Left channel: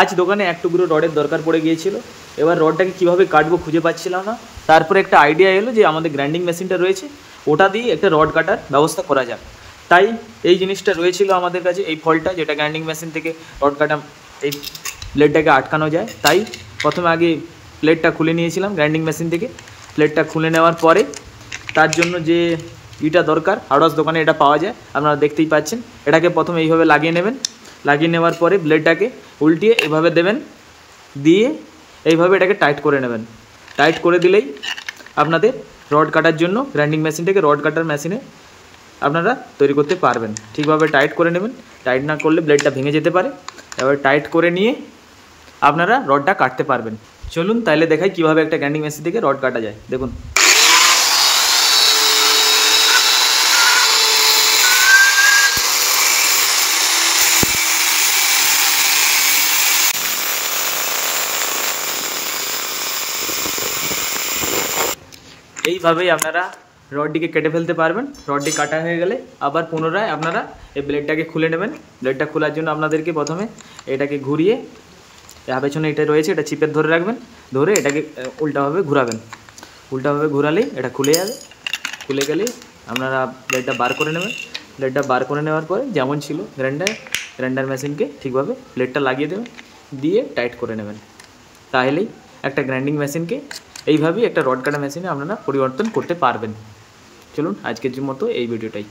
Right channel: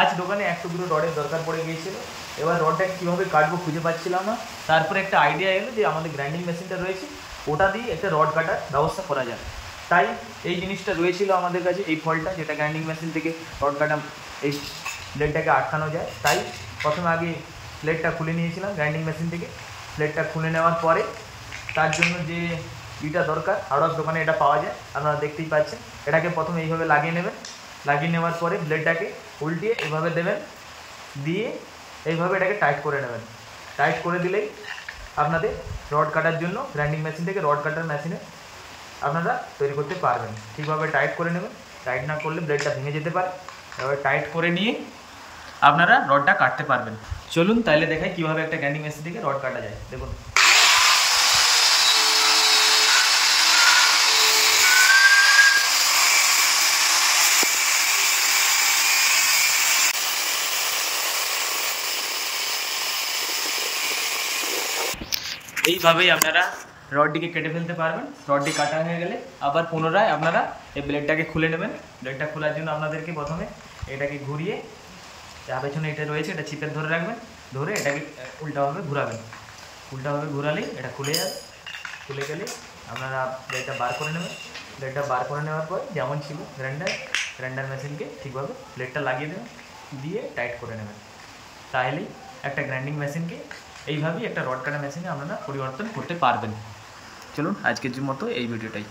আজ দোকানে এক টুকরো রডের দরকার পড়ে গিয়েছিল। এবার রডটাকে কীভাবে কাটবো খুঁজে পাচ্ছিলাম না। তারপরে একটা আইডিয়া এলো যে আমাদের গ্রাইন্ডিং মেশিনটা রয়েছে, ওটা দিয়ে একটা রড কাটার ব্যবস্থা করা যাবে। তাই এই জিনিসটা রয়েছিল আমাদের কাছে, এই ফলটা যেটা গ্রাইন্ডিং মেশিন থেকে রড কাটা এই প্লেটটাকে আটকানো যায়। তাই প্রথমে আগে প্লেটটা খুলে নিয়েছিলাম গ্রাইন্ডিং মেশিন থেকে। প্লেটটা খুলে নেওয়ার পরে তার জন্য যে ইটা দরকার, হার্ডওয়্যার দোকানে এটা পাওয়া যায়, আপনারা দেখতেই পাচ্ছেন। এটাকে প্রথমে এইভাবে লাগিয়ে নেবেন। লাগিয়ে নেওয়ার পরে ব্লেডটাকে উল্টিয়ে এভাবে দেবেন, দিয়ে এইভাবে এটাকে টাইট করে নেবেন। টাইট করে দিলেই আপনাদের রড কাটার জন্য গ্রাইন্ডিং মেশিনটাকে রড কাটার মেশিনে আপনারা তৈরি করতে পারবেন। ঠিকভাবে টাইট করে নেবেন, টাইট না করলে ব্লেডটা ভেঙে যেতে পারে। এবার টাইট করে নিয়ে আপনারা রডটা কাটতে পারবেন। চলুন তাহলে দেখাই কীভাবে একটা গ্রাইন্ডিং মেশিন থেকে রড কাটা যায়। দেখুন, এইভাবেই আপনারা রডটিকে কেটে ফেলতে পারবেন। রডটি কাটা হয়ে গেলে আবার পুনরায় আপনারা এই ব্লেডটাকে খুলে নেবেন। ব্লেডটা খোলার জন্য আপনাদেরকে প্রথমে এটাকে ঘুরিয়ে, পেছনে এটা রয়েছে, এটা চিপে ধরে রাখবেন। ধরে এটাকে উল্টাভাবে ঘোরাবেন। উল্টাভাবে ঘোরালেই এটা খুলে যাবে। খুলে গেলেই আপনারা ব্লেডটা বার করে নেবেন। ব্লেডটা বার করে নেওয়ার পরে যেমন ছিল গ্রাইন্ডার মেশিনকে ঠিকভাবে ব্লেডটা লাগিয়ে দেবেন, দিয়ে টাইট করে নেবেন। তাহলেই একটা গ্রাইন্ডিং মেশিনকে এইভাবেই একটা রড কাটা মেশিনে আপনারা পরিবর্তন করতে পারবেন। চলুন আজকের মতো এই ভিডিওটাই।